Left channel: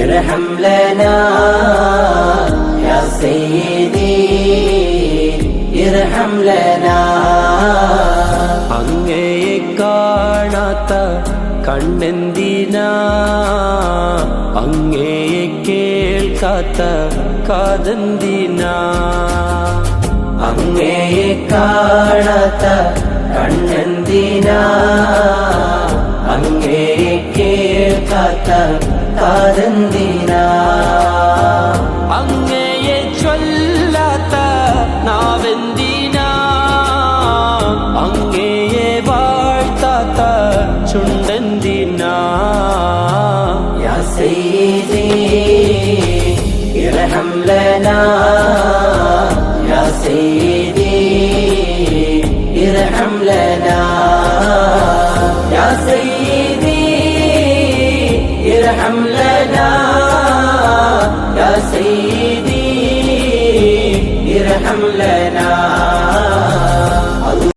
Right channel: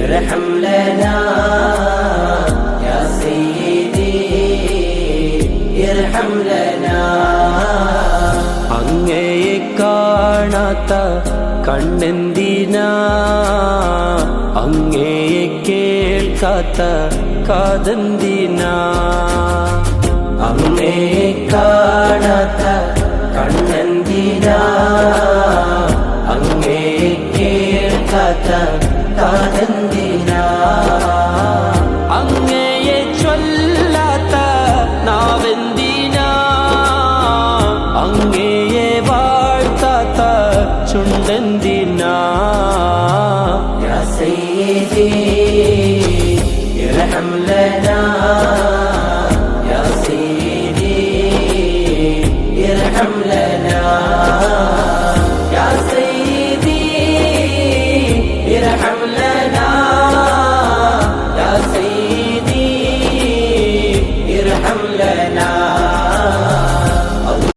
ارحم لنا يا سيدي ارحم لنا. അങ്ങയെ കാണാത്ത കണ്ണെന്തിനാ, അങ്ങയെ കേൾക്കാത്ത കാതെന്തിനാ. അങ്ങയെ കാണാത്ത കണ്ണെന്തിനാ, അങ്ങയെ കേൾക്കാത്ത കാതെന്തിനാ. അങ്ങയെ ചൊല്ലാത്ത നാവെന്തിനാ, അങ്ങയെ വാഴ്ത്താത്ത ചുണ്ടെന്തിനാ. യാ സയ്യിദി ഇർഹം ലനാ യാ സയ്യിദി ഇർഹം ലനാ യാ സയ്യിദി ഇർഹം ലനാ യാ സയ്യിദി ഇർഹം ലനാ.